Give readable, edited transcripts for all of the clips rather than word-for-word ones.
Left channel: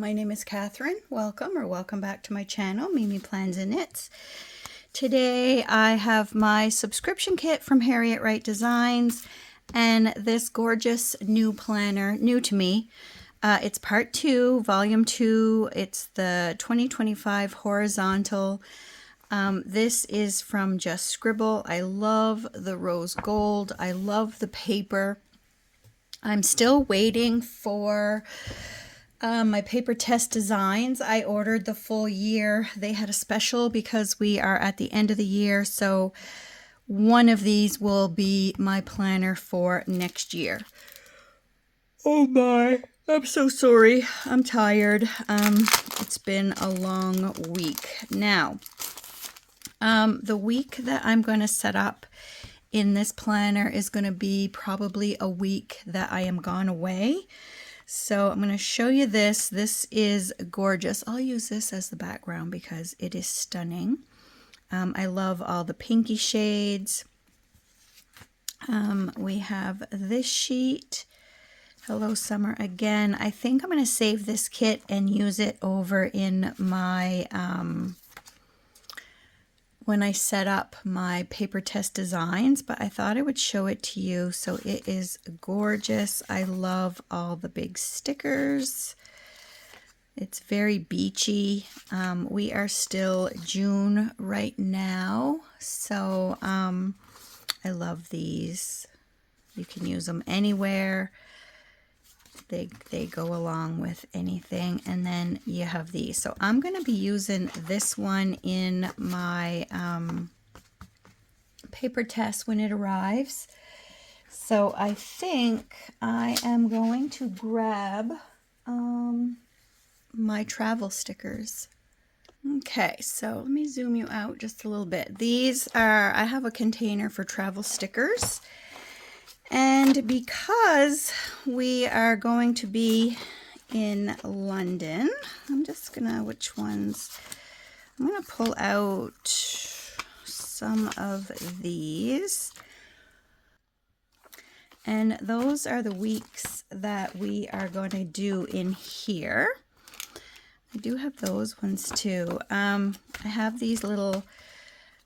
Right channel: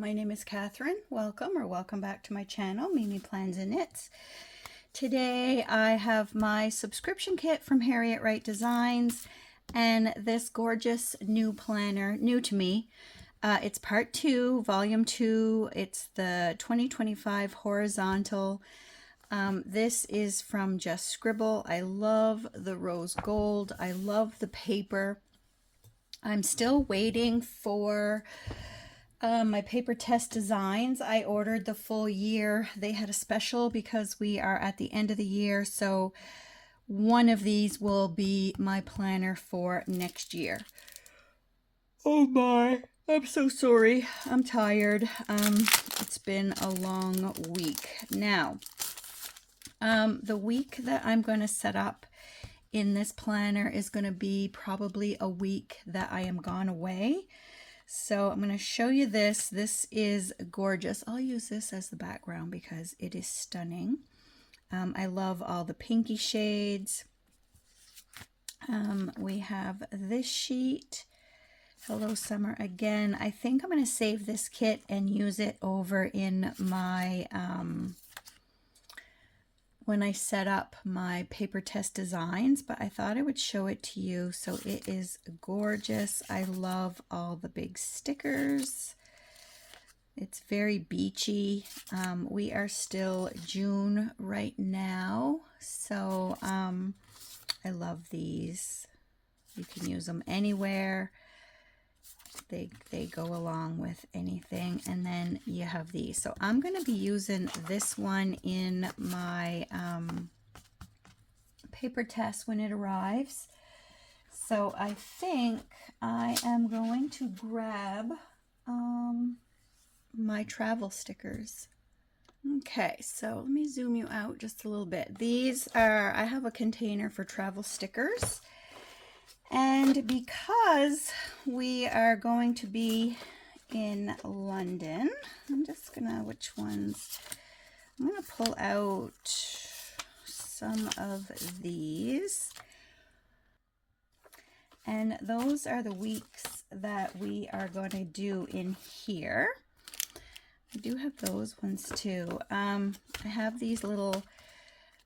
my name is Catherine. Welcome back to my channel, Mimi Plans and Knits. Today I have my subscription kit from Harriet Wright Designs and this gorgeous new planner, new to me. It's part 2, volume 2. It's the 2025 horizontal. This is from Just Scribble. I love the rose gold. I love the paper. I'm still waiting for my paper test designs. I ordered the full year. They had a special because we are at the end of the year. So one of these will be my planner for next year. Oh my, I'm so sorry. I'm tired. It's been a long week. Now, the week that I'm going to set up in this planner is going to be probably a week that I am gone away. So I'm going to show you this. This is gorgeous. I'll use this as the background because it is stunning. I love all the pinky shades. We have this sheet. Hello Summer again. I think I'm going to save this kit and use it over in my when I set up my paper test designs, but I thought I would show it to you. So it is gorgeous. I love all the big stickers. It's very beachy. We are still June right now, so I love these. You can use them anywhere. They go along with anything. And then you have these. So I'm going to be using this one in my paper test when it arrives. So I think I am going to grab my travel stickers. Okay, so let me zoom you out just a little bit. These are, I have a container for travel stickers. And because we are going to be in London, I'm just gonna, which ones? I'm gonna pull out some of these. And those are the weeks that we are going to do in here. I do have those ones too. I have these little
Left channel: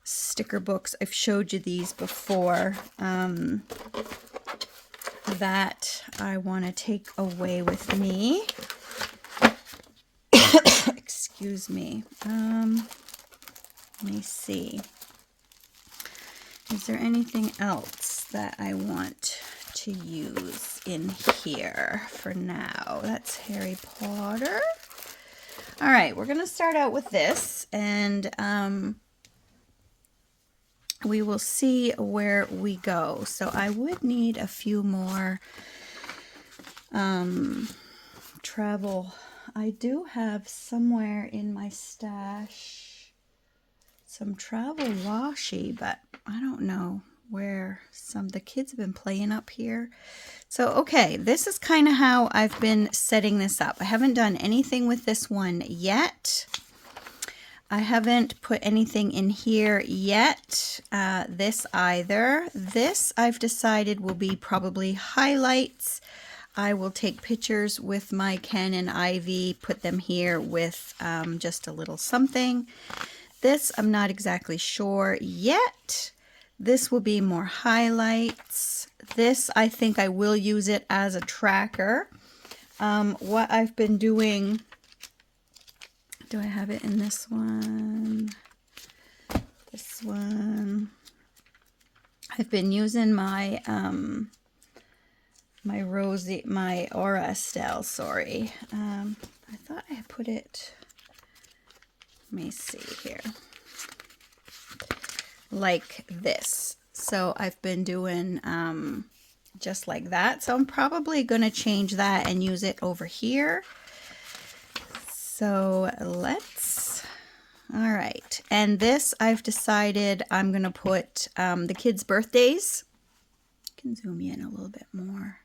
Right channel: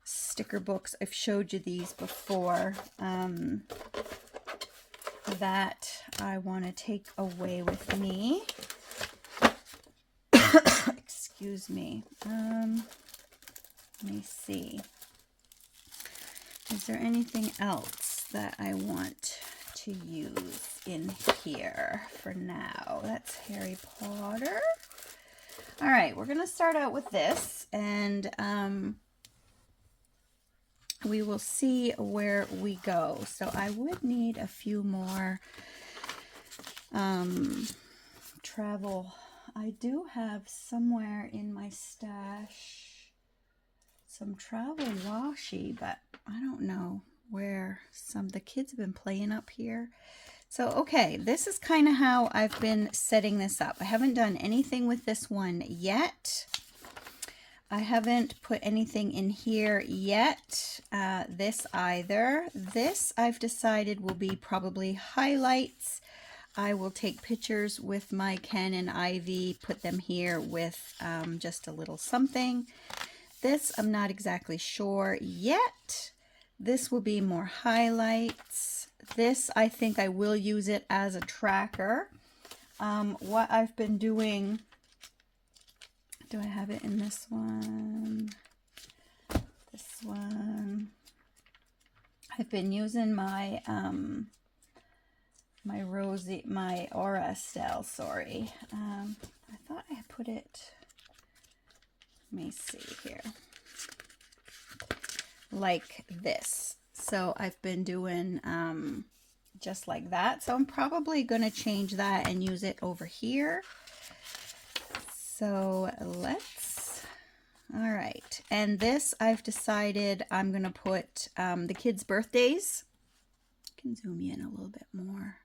sticker books. I've showed you these before. That I want to take away with me. Excuse me. Let me see. Is there anything else that I want to use in here for now? That's Harry Potter. All right, we're going to start out with this, and we will see where we go. So I would need a few more travel. I do have somewhere in my stash some travel washi, but I don't know where the kids have been playing up here. So, okay, this is kind of how I've been setting this up. I haven't done anything with this one yet. I haven't put anything in here yet, this either. This I've decided will be probably highlights. I will take pictures with my Canon IV, put them here with just a little something. This I'm not exactly sure yet. This will be more highlights. This I think I will use it as a tracker. What I've been doing... Do I have it in this one? This one. I've been using my my Aura Estelle, sorry. I thought I had put it, let me see here, like this. So I've been doing just like that. So I'm probably going to change that and use it over here. So all right. And this I've decided I'm going to put the kids' birthdays. I can zoom in a little bit more.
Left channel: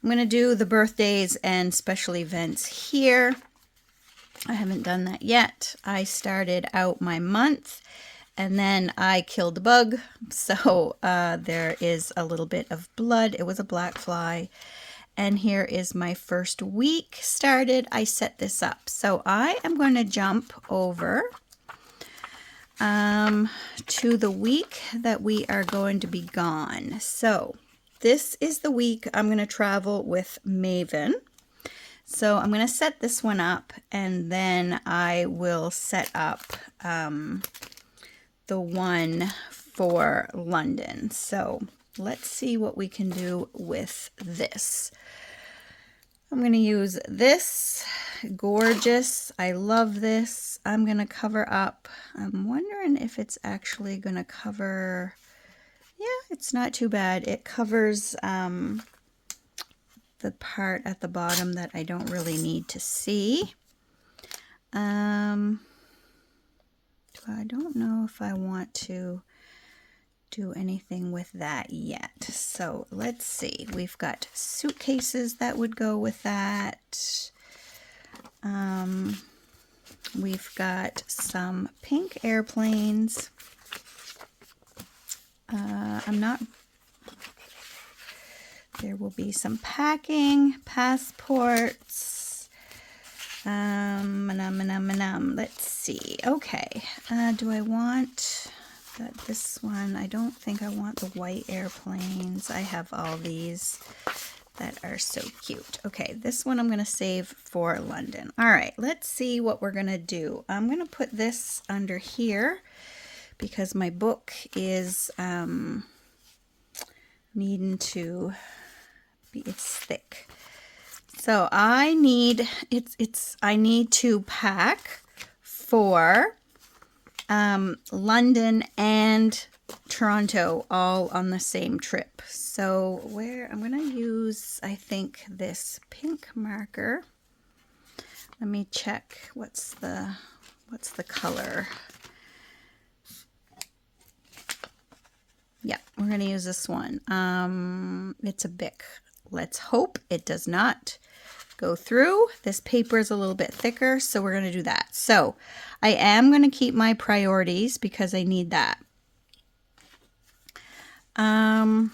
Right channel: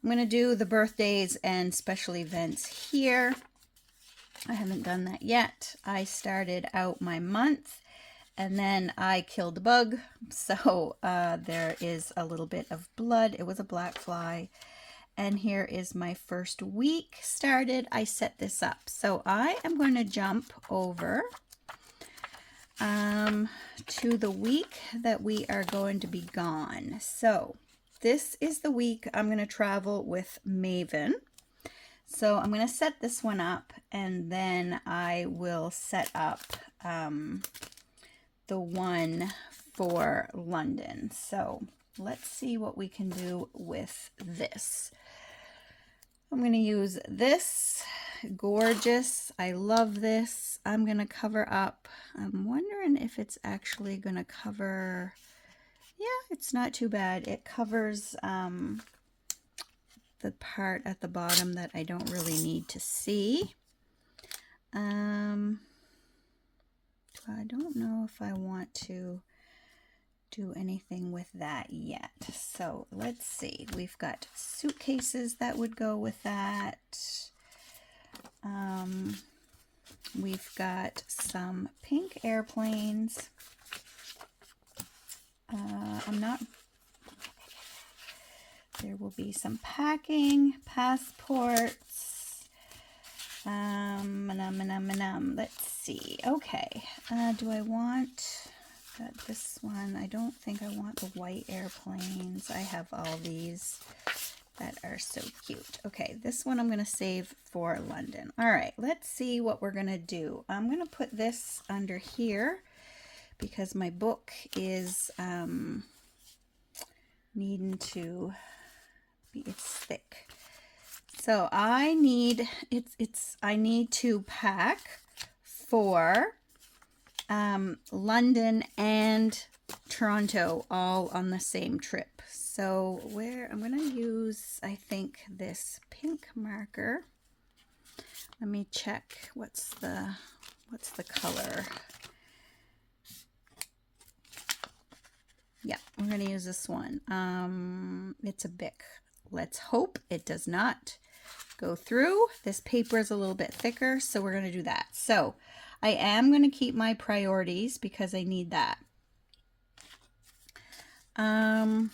I'm going to do the birthdays and special events here. I haven't done that yet. I started out my month and then I killed a bug. So there is a little bit of blood. It was a black fly. And here is my first week started. I set this up. So I am going to jump over to the week that we are going to be gone. So this is the week I'm going to travel with Maven. So I'm going to set this one up, and then I will set up the one for London. So let's see what we can do with this. I'm going to use this. Gorgeous. I love this. I'm going to cover up. I'm wondering if it's actually going to cover. Yeah, it's not too bad. It covers the part at the bottom that I don't really need to see. So I don't know if I want to do anything with that yet. So let's see. We've got suitcases that would go with that. We've got some pink airplanes. There will be some packing, passports. Let's see. Okay. Do I want this one? I don't think I want the white airplanes. I have all these that are so cute. Okay, this one I'm going to save for London. All right, let's see what we're going to do. I'm going to put this under here because my book is needing to be, it's thick. So I need to pack for London and Toronto all on the same trip. So where I'm going to use, I think, this pink marker. Let me check what's the color. Yeah, we're going to use this one. It's a Bic. Let's hope it does not go through. This paper is a little bit thicker, so we're going to do that. So I am going to keep my priorities because I need that. I'm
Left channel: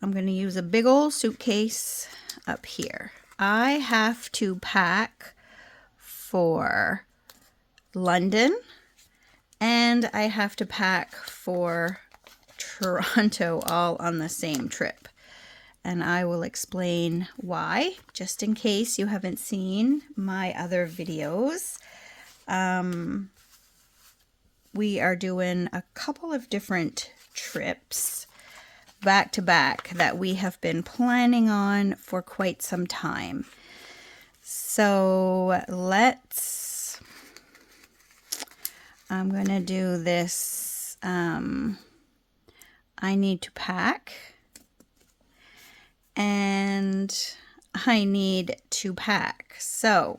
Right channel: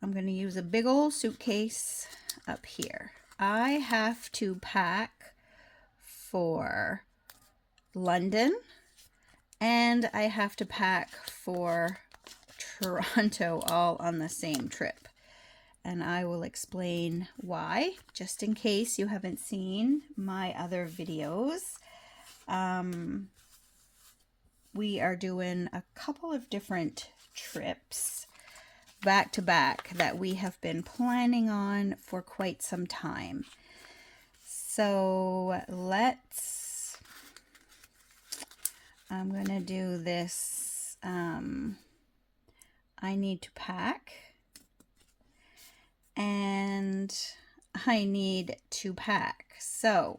going to use a big old suitcase up here. I have to pack for London and I have to pack for Toronto all on the same trip. And I will explain why, just in case you haven't seen my other videos. We are doing a couple of different trips back to back that we have been planning on for quite some time. So I'm going to do this. I need to pack and I need to pack. So,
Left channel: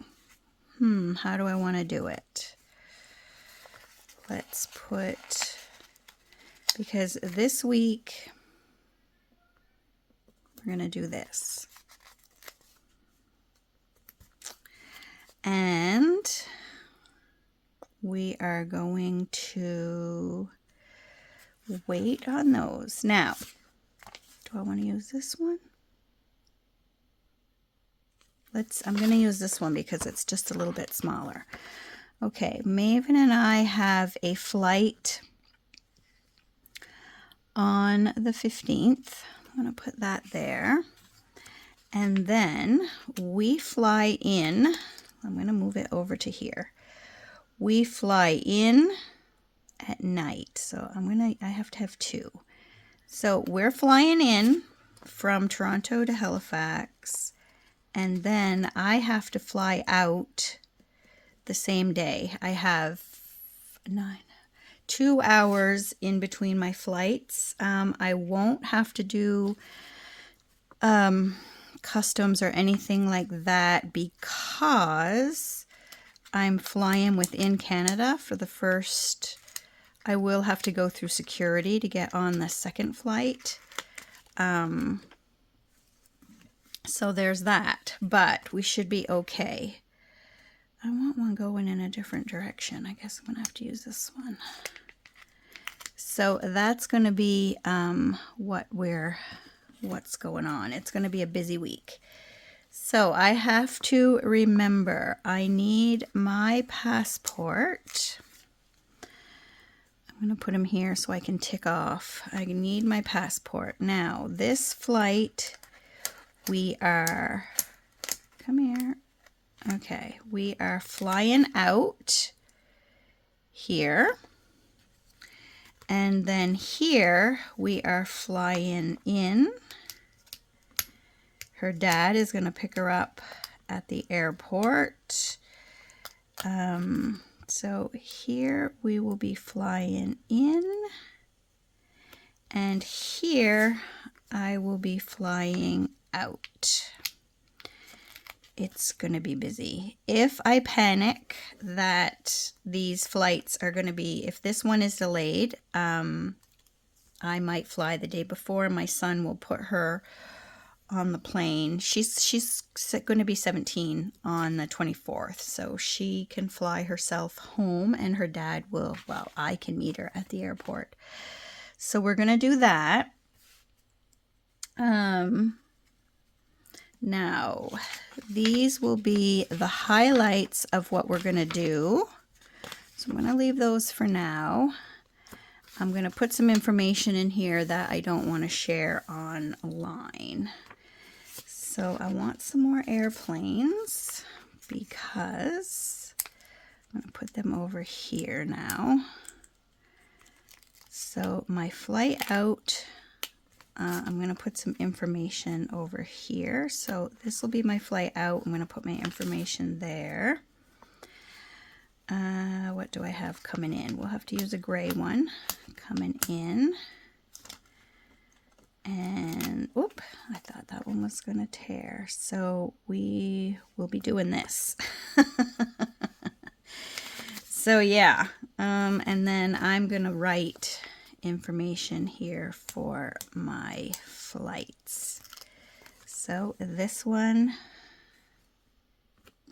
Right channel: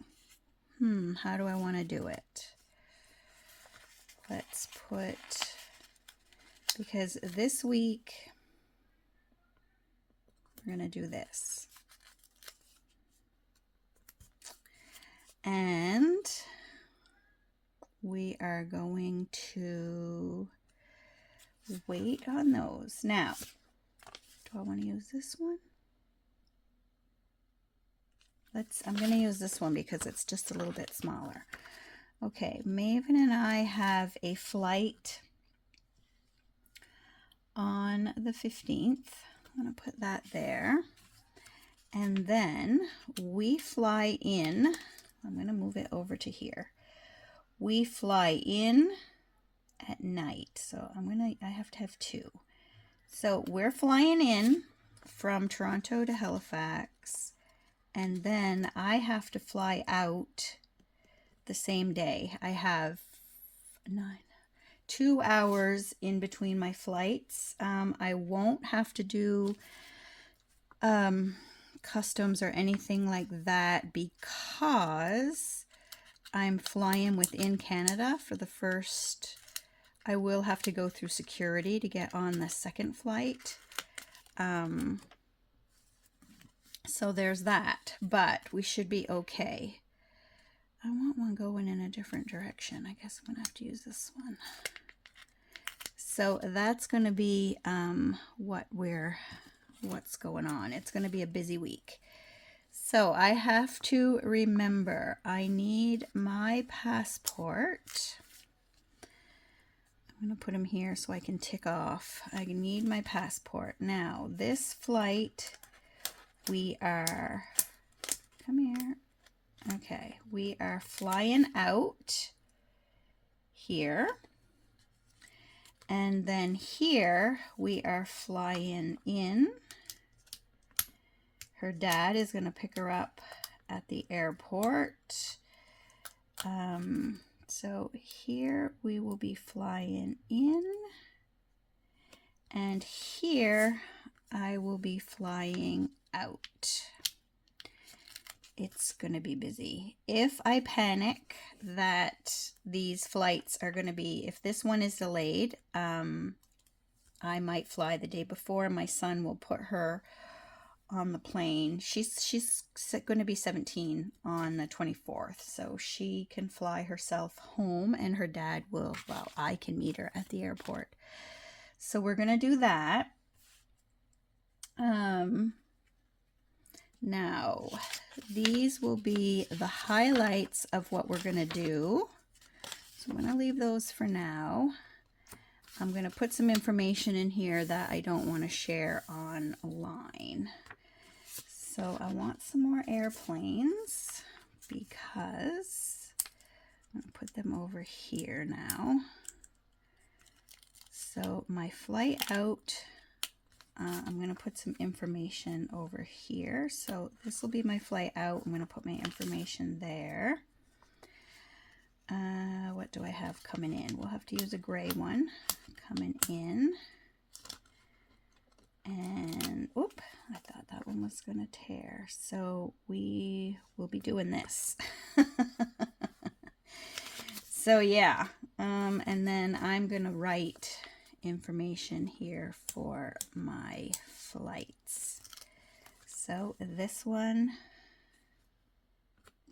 how do I want to do it? Let's put, because this week we're going to do this. And we are going to wait on those. Now, do I want to use this one? I'm going to use this one because it's just a little bit smaller. Okay, Maven and I have a flight on the 15th. I'm going to put that there. And then we fly in. I'm going to move it over to here. We fly in at night. So I have to have two. So we're flying in from Toronto to Halifax. And then I have to fly out the same day. I have 2 hours in between my flights. I won't have to do customs or anything like that because I'm flying within Canada for the first. I will have to go through security to get on the second flight. So there's that, but we should be okay. I want one going in a different direction. I guess I'm going to have to use this one. So that's going to be what we're what's going on. It's going to be a busy week. So I have to remember I need my passport. I'm going to put them here so I can tick off. I need my passport. Now, this flight, we are, come here. Okay, we are flying out here. And then here we are flying in. Her dad is going to pick her up at the airport. So here we will be flying in. And here I will be flying out. It's going to be busy. If I panic that these flights are going to be, if this one is delayed, I might fly the day before. My son will put her on the plane. She's going to be 17 on the 24th, so she can fly herself home, and her dad will, well, I can meet her at the airport. So we're going to do that. Now, these will be the highlights of what we're going to do. So I'm going to leave those for now. I'm going to put some information in here that I don't want to share online. So I want some more airplanes because I'm going to put them over here now. So my flight out, I'm going to put some information over here. So this will be my flight out. I'm going to put my information there. What do I have coming in? We'll have to use a gray one coming in. And, oop, I thought that one was going to tear. So we will be doing this. So yeah, and then I'm going to write information here for my flights. So this one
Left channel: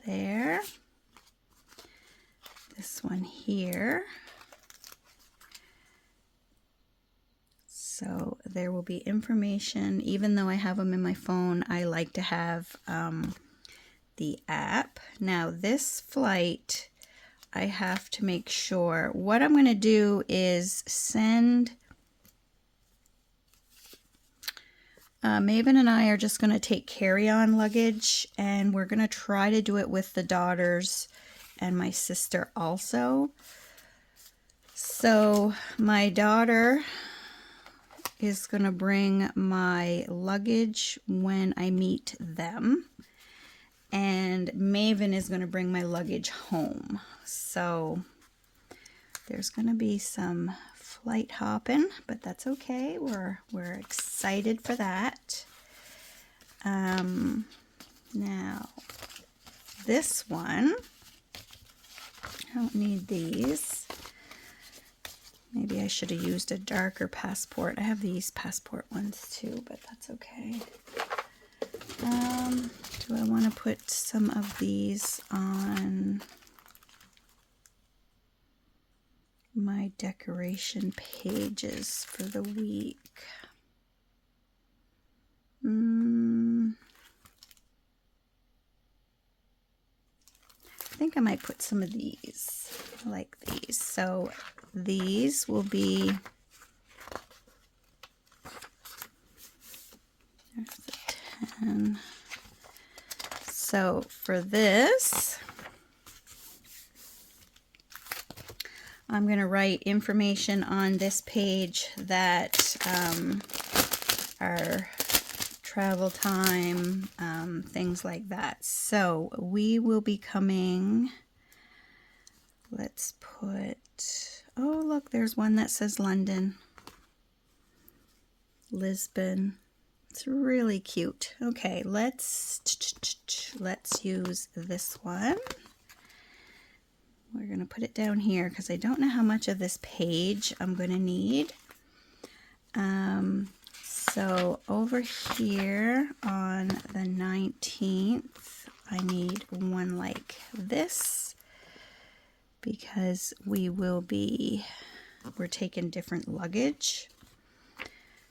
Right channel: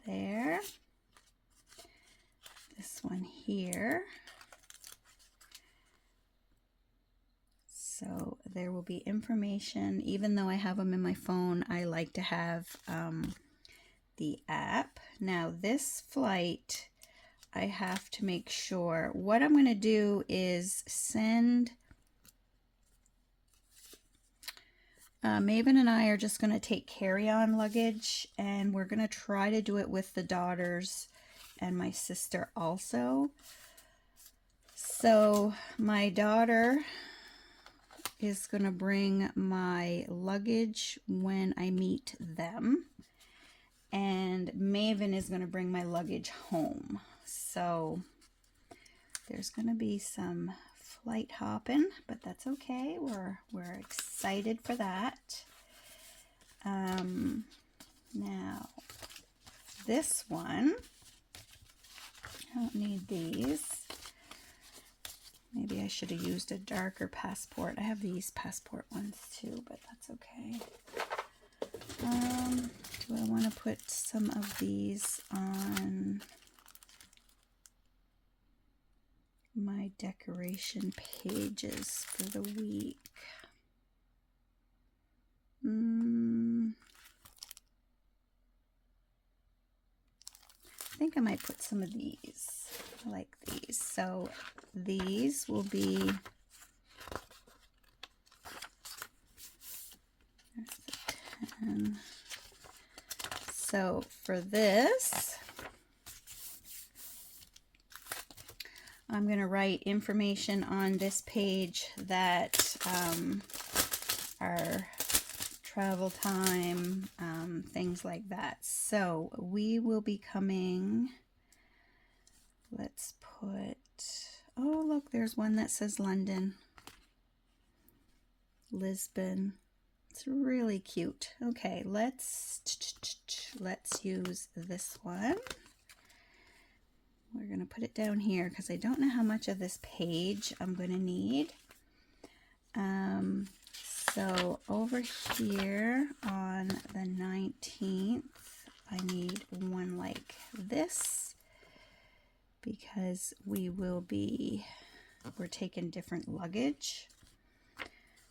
there, this one here. So there will be information. Even though I have them in my phone, I like to have the app. Now this flight, I have to make sure. What I'm going to do is send, Maven and I are just going to take carry-on luggage, and we're going to try to do it with the daughters and my sister also. So my daughter is going to bring my luggage when I meet them, and Maven is going to bring my luggage home. So there's going to be some flight hopping, but that's okay. We're excited for that. Now this one, I don't need these. Maybe I should have used a darker passport. I have these passport ones too, but that's okay. Do I want to put some of these on my decoration pages for the week? I think I might put some of these. I like these. So these will be, there's the 10. So for this, I'm going to write information on this page that our travel time, things like that. So we will be coming, let's put, oh look, there's one that says London, Lisbon. It's really cute. Okay, let's use this one. We're going to put it down here because I don't know how much of this page I'm going to need. So over here on the 19th, I need one like this because we're taking different luggage.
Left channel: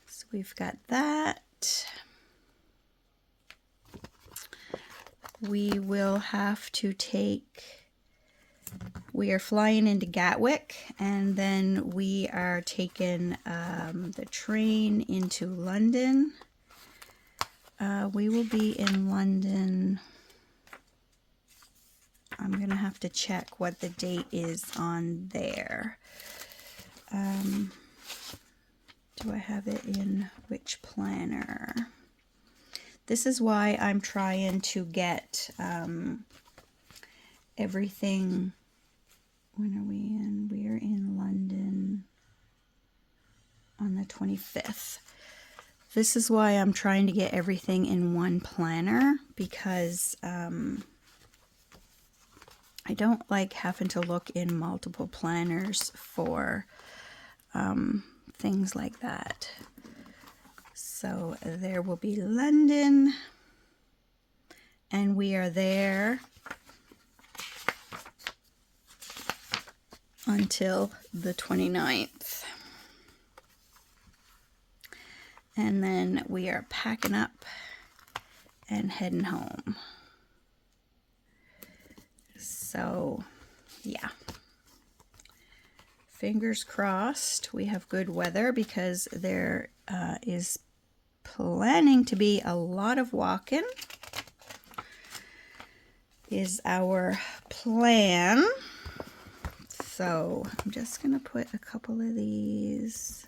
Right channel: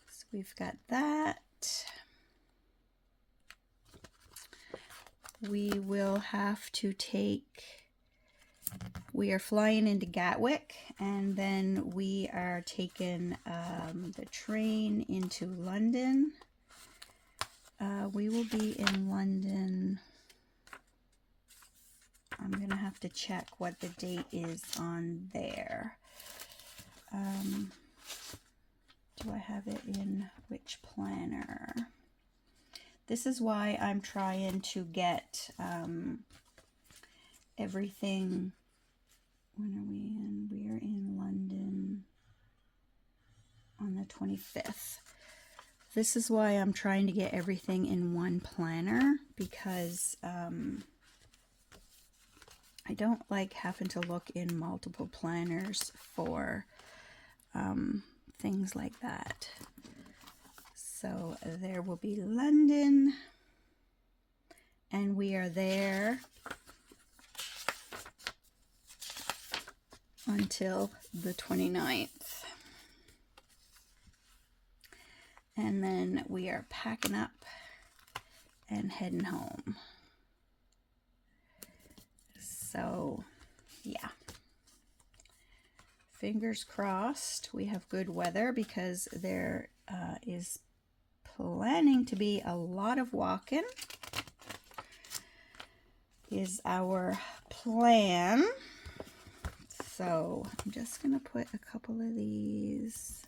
So we've got that. we will have to we are flying into Gatwick, and then we are taking the train into London. We will be in London. I'm going to have to check what the date is on there. Do I have it in which planner? This is why I'm trying to get everything. When are we in? We are in London on the 25th. This is why I'm trying to get everything in one planner, because I don't like having to look in multiple planners for things like that. So there will be London, and we are there until the 29th. And then we are packing up and heading home. So, yeah. Fingers crossed we have good weather, because there is planning to be a lot of walking is our plan. So I'm just going to put a couple of these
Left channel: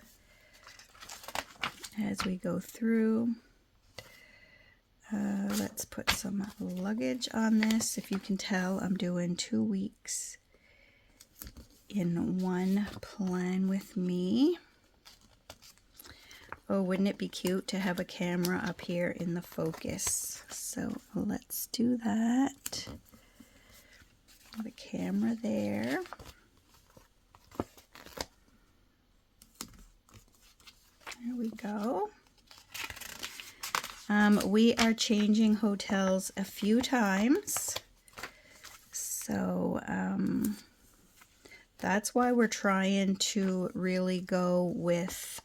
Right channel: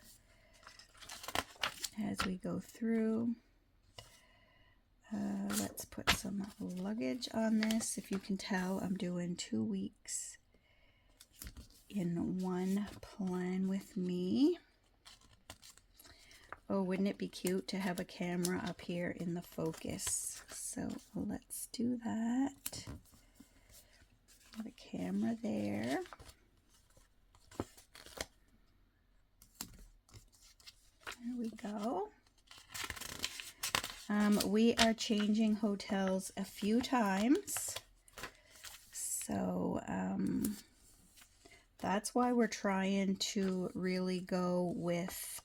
as we go through. Let's put some luggage on this. If you can tell, I'm doing 2 weeks in one plan with me. Oh, wouldn't it be cute to have a camera up here in the focus? So let's do that. The camera there. There we go. We are changing hotels a few times. So that's why we're trying to really go with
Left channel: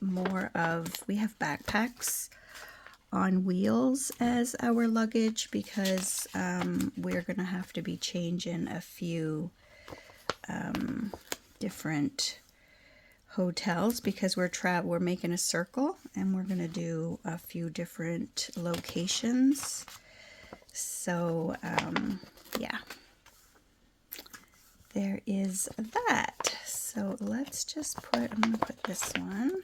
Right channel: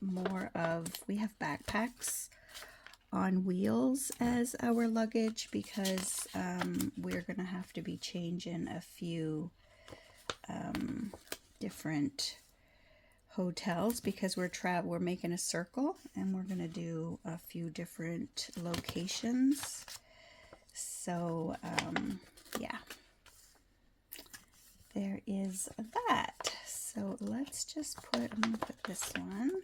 more of, we have backpacks on wheels as our luggage, because we're going to have to be changing a few different hotels, because we're making a circle and we're going to do a few different locations. So yeah, there is that. So let's just put, I'm going to put this one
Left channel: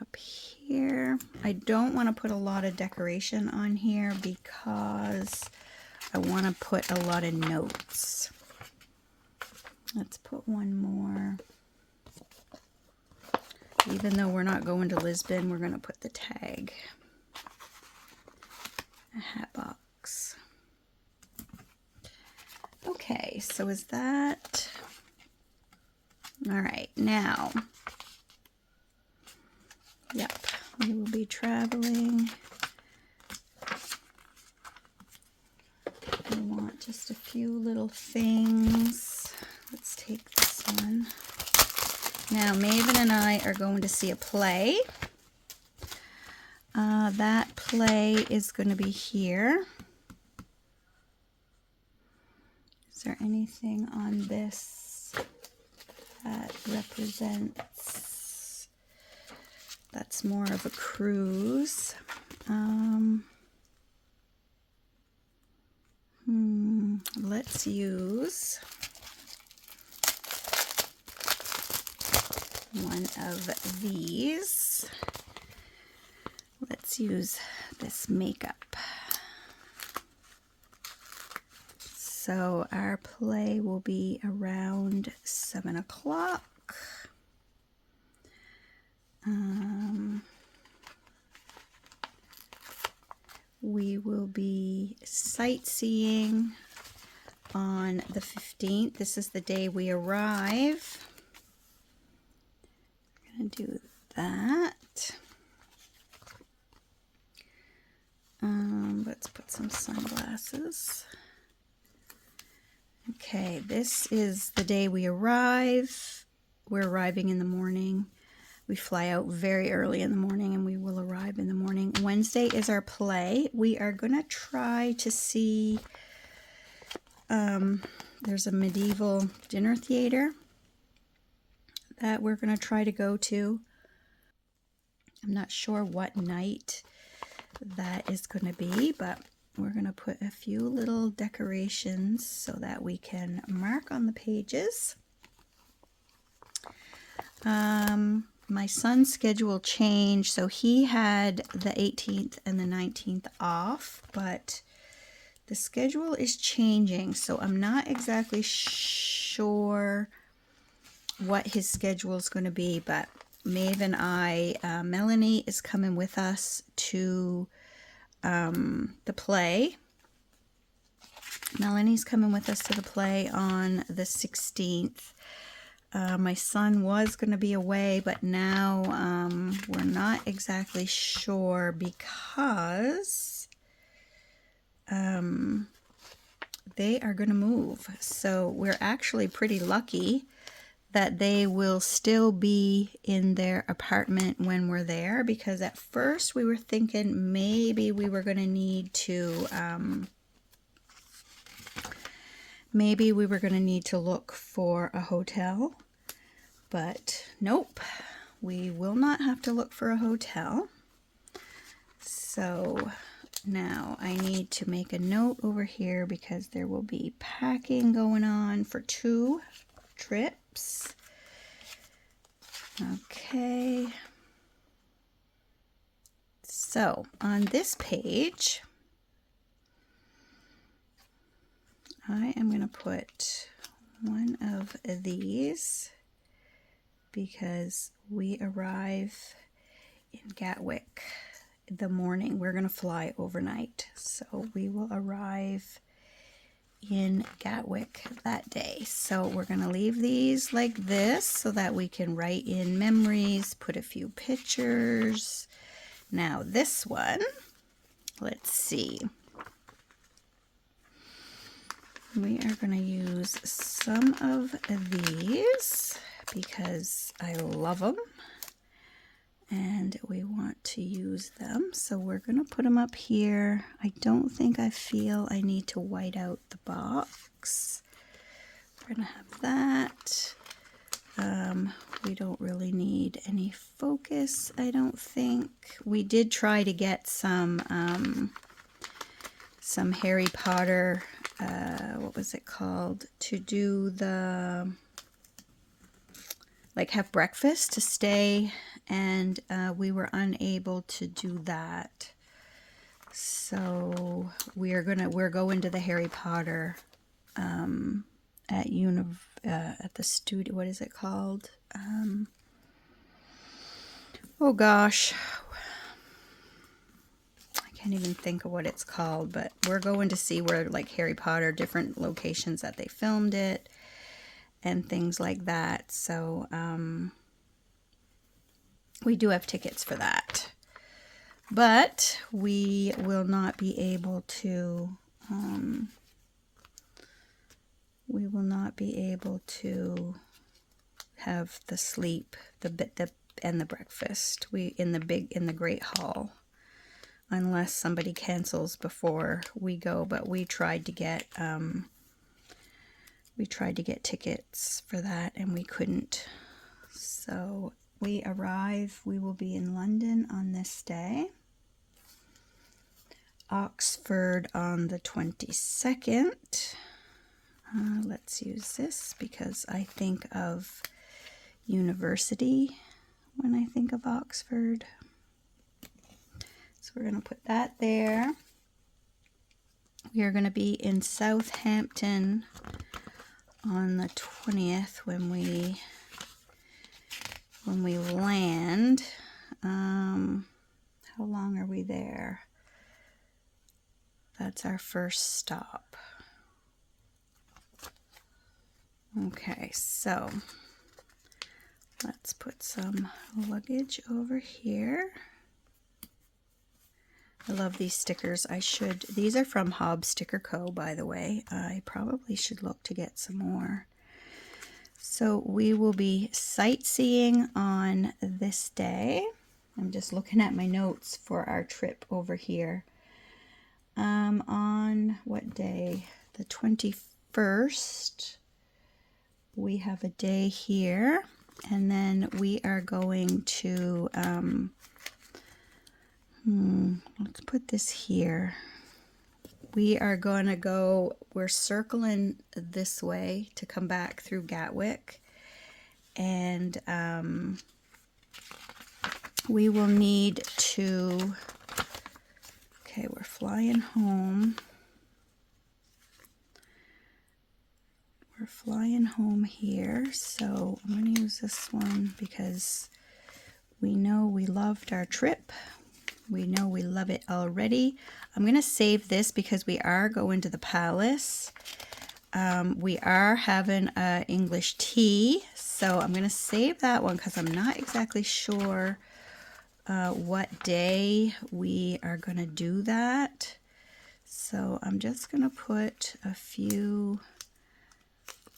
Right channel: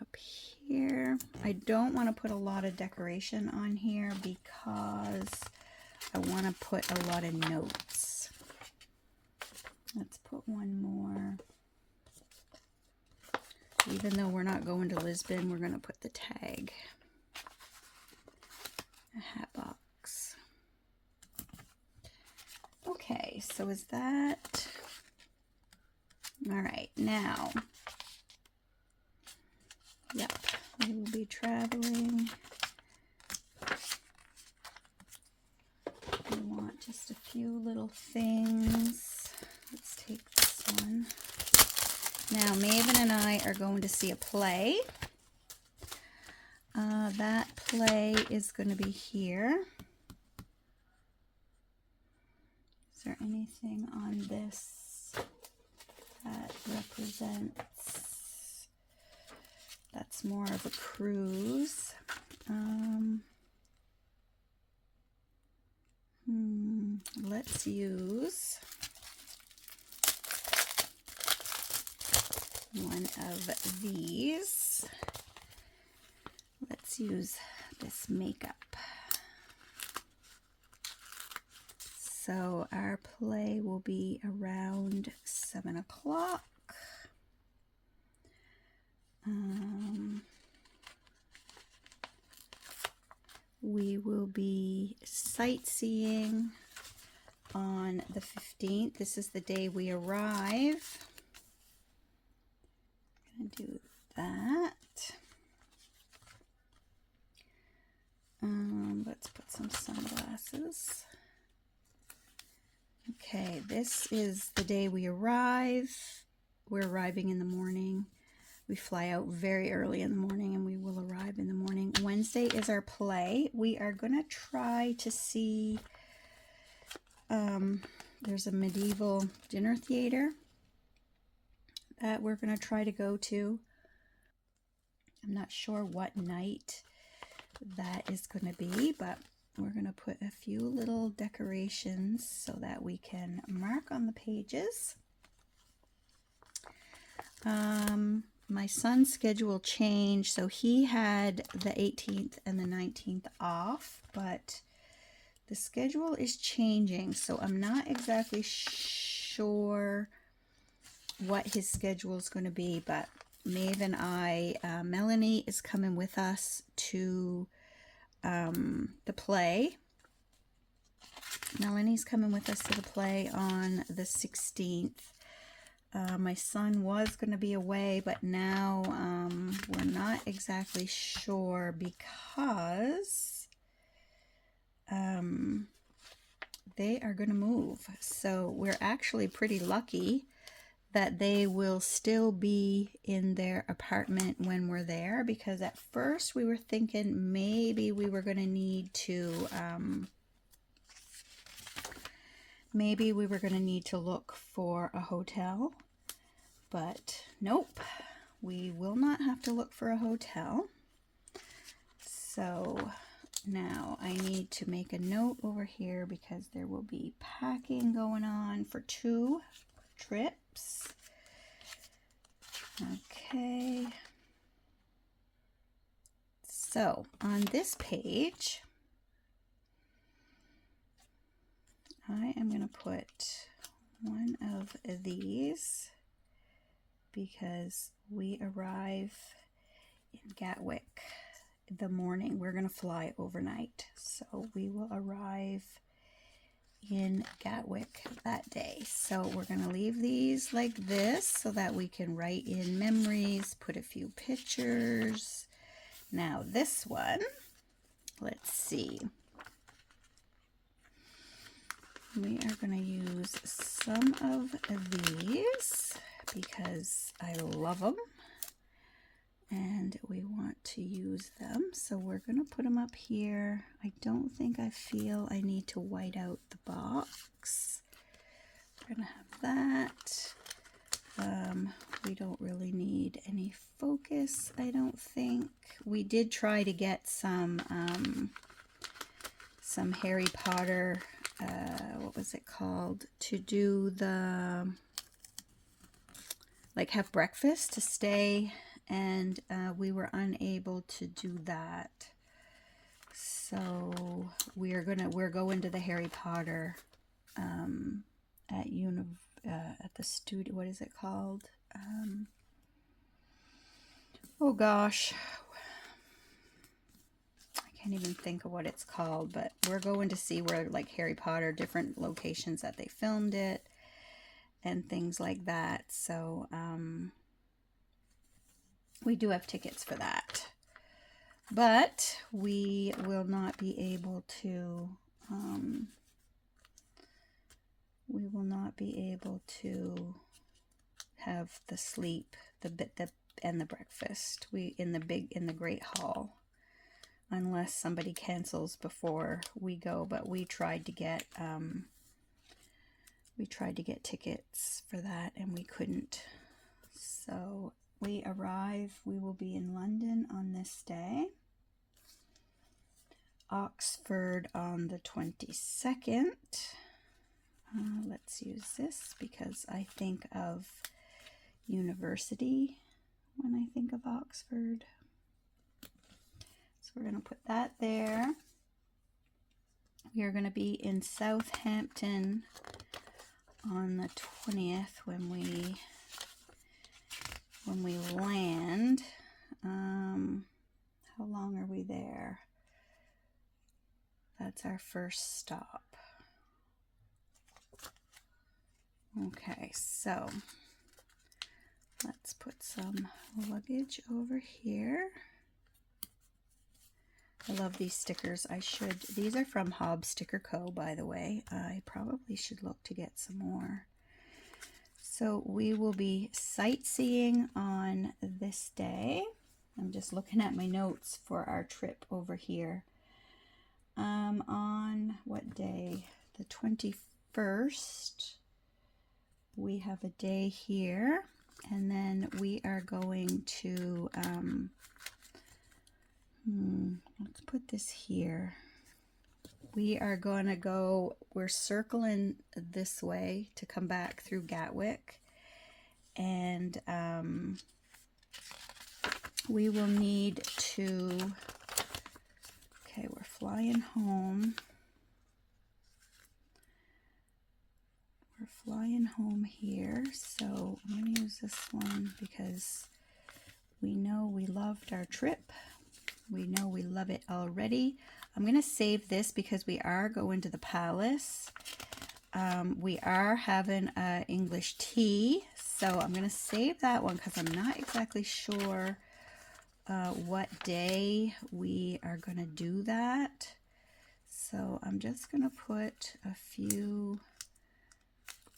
up here. I don't want to put a lot of decoration on here because I want to put a lot of notes. Let's put one more. Even though we're not going to Lisbon, we're going to put the tag. A hat box. Okay, so is that... All right, now... Yep, we will be traveling. I want just a few little things. Let's take this one. Now, Maven and I are going to see a play. That play is going to be here. Is there anything on this that represents... That's more of a cruise. Let's use one of these. Let's use this makeup. So our play will be around 7 o'clock. We will be sightseeing on the 15th. This is the day we arrive. I'm going to do that. Let's put some sunglasses. Okay, this is the day we arrive. We're arriving in the morning. We fly out very early in the morning, and we will arrive in the morning. Wednesday is our play. We are going to try to see, there's a medieval dinner theater that we're going to try to go to. I'm not sure what night that is going to be, but we're going to put a few little decorations so that we can mark on the pages. My son's schedule changed, so he had the 18th and the 19th off, but the schedule is changing, so I'm not exactly sure what his schedule is going to be, but Maeve and I, Melanie is coming with us to the play. Melanie's coming with us to the play on the 16th. My son was going to be away, but now we're not exactly sure because they are going to move. So we're actually pretty lucky that they will still be in their apartment when we're there, because at first we were thinking maybe we were going to need to look for a hotel, but nope, we will not have to look for a hotel. So now I need to make a note over here because there will be packing going on for 2 trips. Okay. So on this page, I am going to put one of these because we arrive in Gatwick the morning. We're going to fly overnight, so we will arrive in Gatwick that day. So we're going to leave these like this so that we can write in memories, put a few pictures. Now this one, let's see. We are going to use some of these because I love them and we want to use them. So we're going to put them up here. I don't think I feel I need to white out the box. We're going to have that. We don't really need any focus, I don't think. We did try to get some Harry Potter, what was it called, to do the, like, have breakfast to stay, and we were unable to do that. So we're going to the Harry Potter at the studio. What is it called? Oh gosh, I can't even think of what it's called, but we're going to see where, like, Harry Potter, different locations that they filmed it and things like that. So we do have tickets for that, but we will not be able to have the sleep, and the breakfast in the Great Hall, unless somebody cancels before we go. But we tried to get tickets for that and we couldn't. So we arrive, we will be in London on this day, Oxford on the 22nd. Let's use this because I think of university when I think of Oxford. So we're going to put that there. We are going to be in Southampton on the 20th when we land. How long are we there? That's our first stop. Okay, so let's put some luggage over here. I love these stickers. These are from Hobbs Sticker Co., by the way. I probably should look to get some more. So we will be sightseeing on this day. I'm just looking at my notes for our trip over here. On what day? The 21st. We have a day here, and then we are going to, let's put this here. We are going to go, we're circling this way to come back through Gatwick, and we will need to, okay, we're flying home. We're flying home here, so I'm going to use this one because we know we loved our trip. We know we love it already. I'm going to save this because we are going to the palace. We are having English tea, so I'm going to save that one because I'm not exactly sure what day we are going to do that. So I'm just going to put a few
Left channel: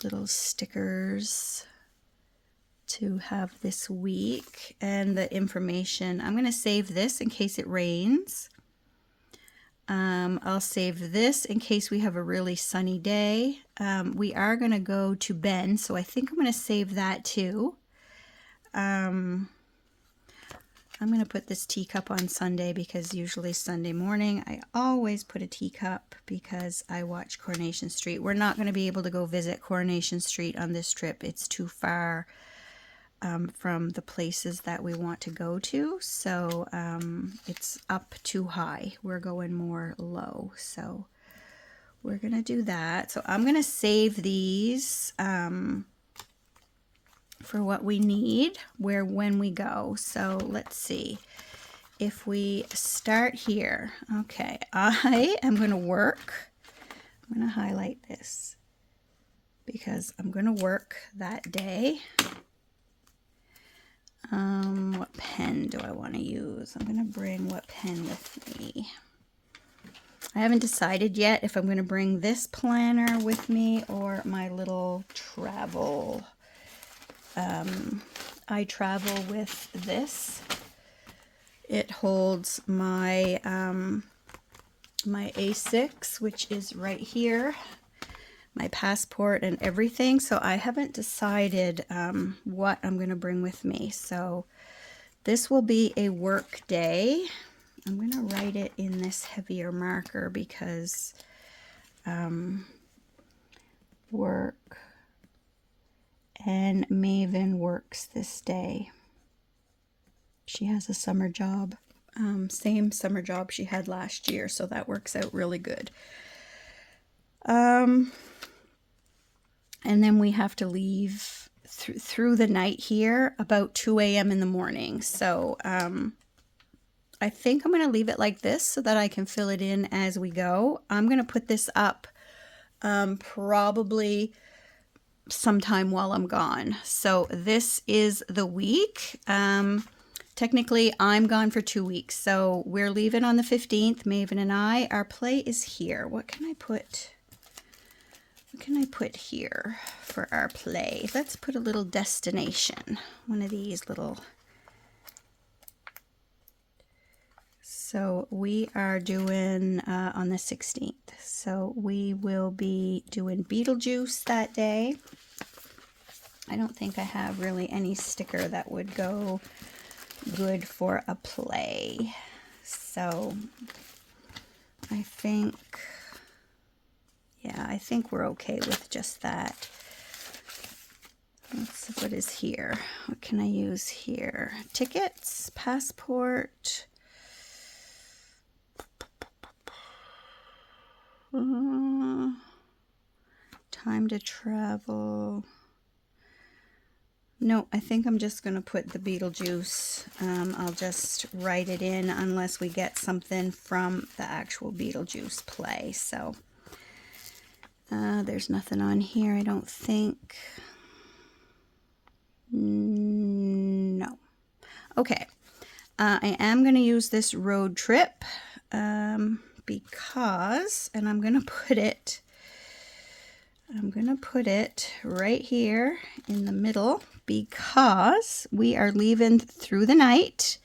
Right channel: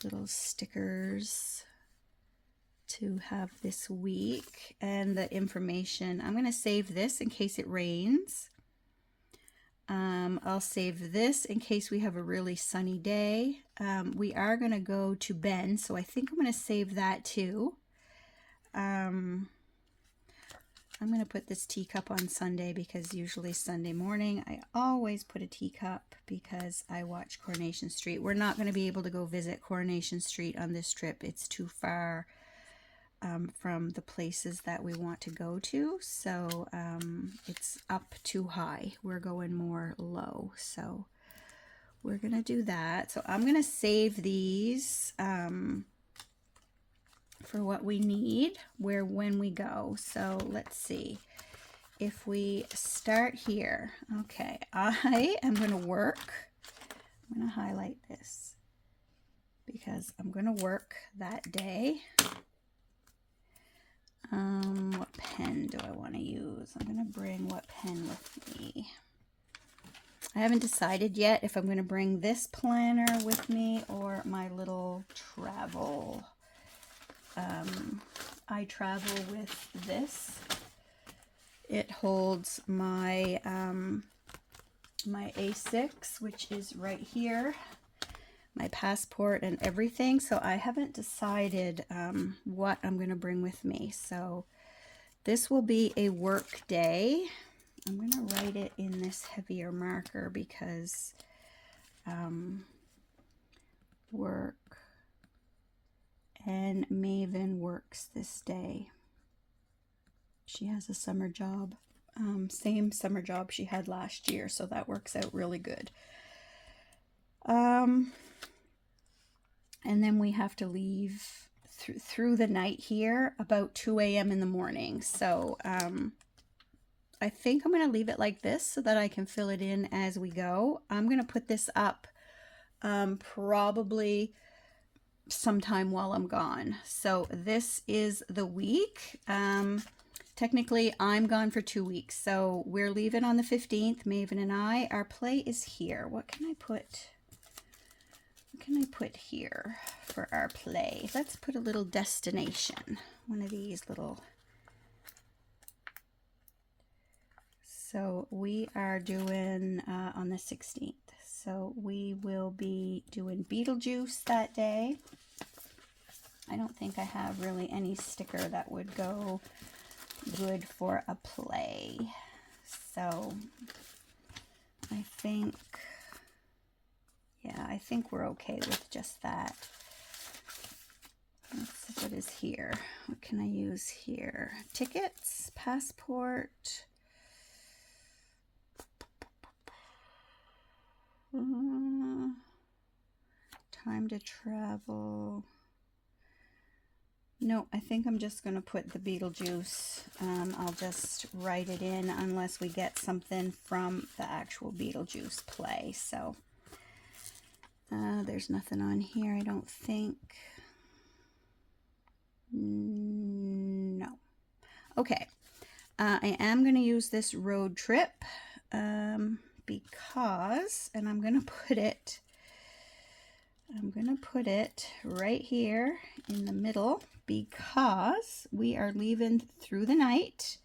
little stickers to have this week, and the information. I'm going to save this in case it rains. I'll save this in case we have a really sunny day. We are going to go to Ben, so I think I'm going to save that too. I'm going to put this teacup on Sunday because usually Sunday morning I always put a teacup because I watch Coronation Street. We're not going to be able to go visit Coronation Street on this trip. It's too far from the places that we want to go to. So it's up too high. We're going more low. So we're going to do that. So I'm going to save these for what we need when we go. So let's see if we start here. Okay, I am going to work. I'm going to highlight this because I'm going to work that day. What pen do I want to use? I'm going to bring what pen with me? I haven't decided yet if I'm going to bring this planner with me or my little travel. I travel with this. It holds my my A6, which is right here, my passport and everything. So I haven't decided what I'm going to bring with me. So this will be a work day. I'm going to write it in this heavier marker because work. And Maven works this day. She has a summer job, same summer job she had last year, so that works out really good. And then we have to leave through the night here about 2 a.m. in the morning. So I think I'm going to leave it like this so that I can fill it in as we go. I'm going to put this up probably sometime while I'm gone. So this is the week. Technically I'm gone for 2 weeks, so we're leaving on the 15th, Maven and I. Our play is here. What can I put here for our play? Let's put a little destination, one of these little. So we are doing on the 16th. So we will be doing Beetlejuice that day. I don't think I have really any sticker that would go good for a play. So I think, yeah, I think we're okay with just that. Let's see what is here. What can I use here? Tickets, passport. Time to travel. No, I think I'm just going to put the Beetlejuice. I'll just write it in unless we get something from the actual Beetlejuice play. So there's nothing on here, I don't think. No. Okay. I am going to use this road trip because, and I'm going to put it right here in the middle because we are leaving through the night.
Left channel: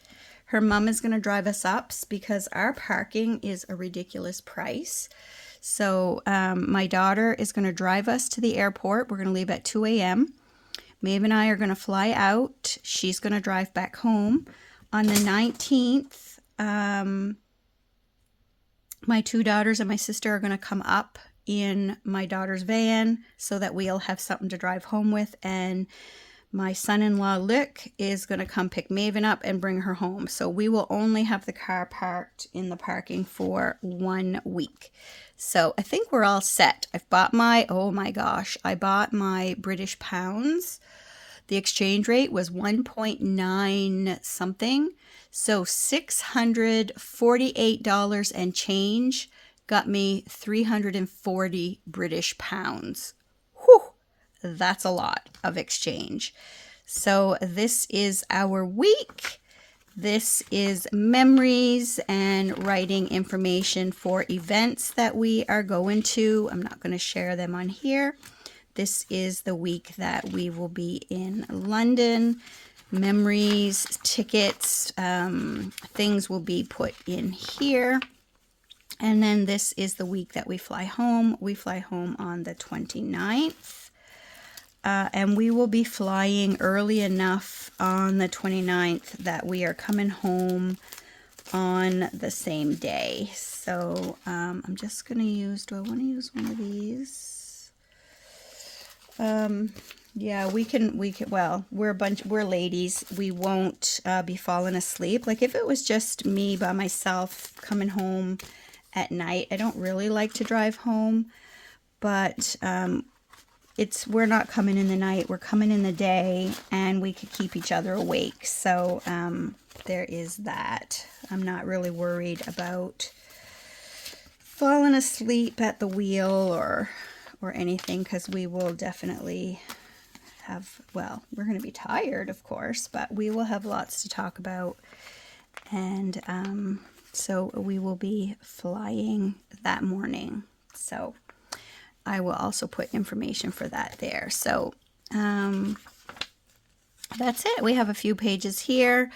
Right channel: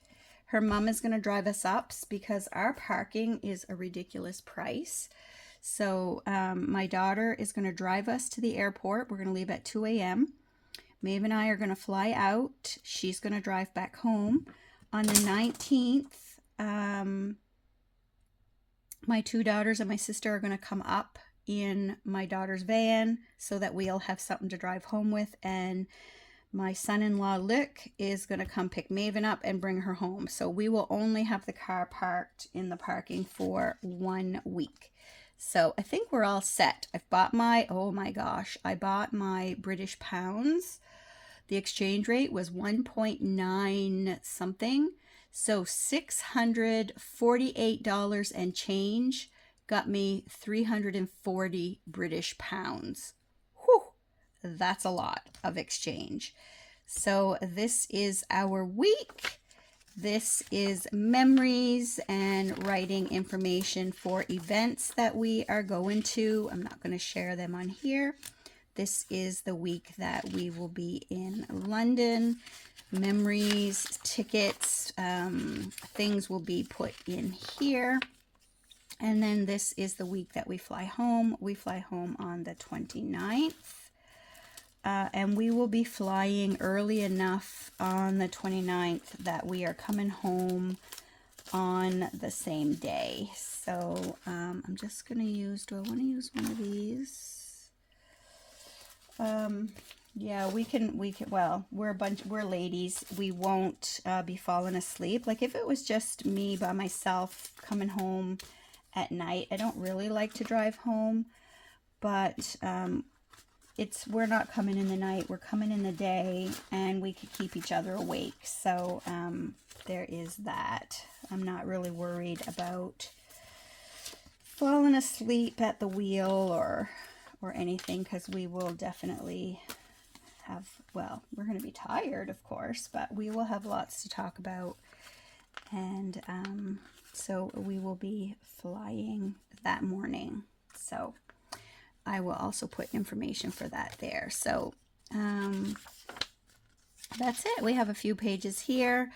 Her mom is going to drive us up because our parking is a ridiculous price. So my daughter is going to drive us to the airport. We're going to leave at 2 a.m. Maeve and I are going to fly out. She's going to drive back home. On the 19th, my two daughters and my sister are going to come up in my daughter's van so that we'll have something to drive home with. And my son-in-law, Luke, is going to come pick Maven up and bring her home. So we will only have the car parked in the parking for 1 week. So I think we're all set. I've bought my, oh my gosh, I bought my British pounds. The exchange rate was 1.9 something. So $648 and change got me 340 British pounds. Whew, that's a lot of exchange. So this is our week. This is memories and writing information for events that we are going to. I'm not going to share them on here. This is the week that we will be in London. Memories, tickets, things will be put in here. And then this is the week that we fly home. We fly home on the 29th. And we will be flying early enough on the 29th that we are coming home on the same day. So I'm just going to use, do I want to use one of these? Yeah, we can, well, we're ladies. We won't be falling asleep. Like if it was just me by myself coming home at night, I don't really like to drive home, but we're not coming in the night, we're coming in the day, and we could keep each other awake. So there is that. I'm not really worried about falling asleep at the wheel or anything, because we will definitely have, well, we're going to be tired, of course, but we will have lots to talk about. And so we will be flying that morning. So I will also put information for that there. So that's it. We have a few pages here.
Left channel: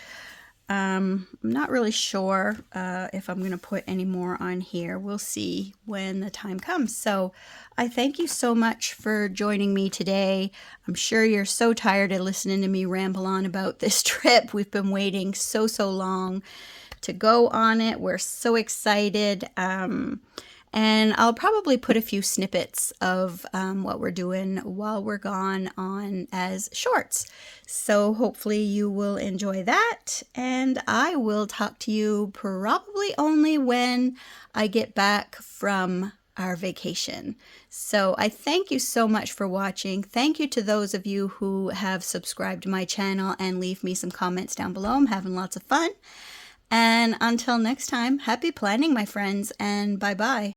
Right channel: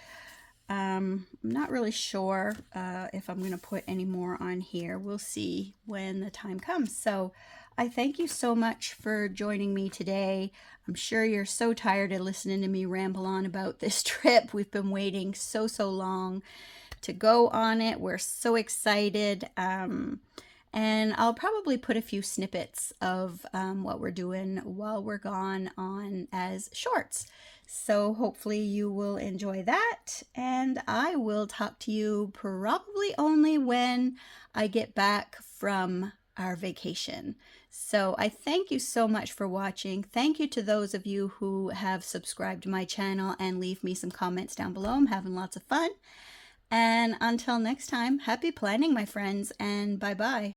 I'm not really sure if I'm going to put any more on here. We'll see when the time comes. So I thank you so much for joining me today. I'm sure you're so tired of listening to me ramble on about this trip. We've been waiting so long to go on it. We're so excited. And I'll probably put a few snippets of what we're doing while we're gone on as shorts. So hopefully you will enjoy that. And I will talk to you probably only when I get back from our vacation. So I thank you so much for watching. Thank you to those of you who have subscribed to my channel and leave me some comments down below. I'm having lots of fun. And until next time, happy planning, my friends, and bye-bye.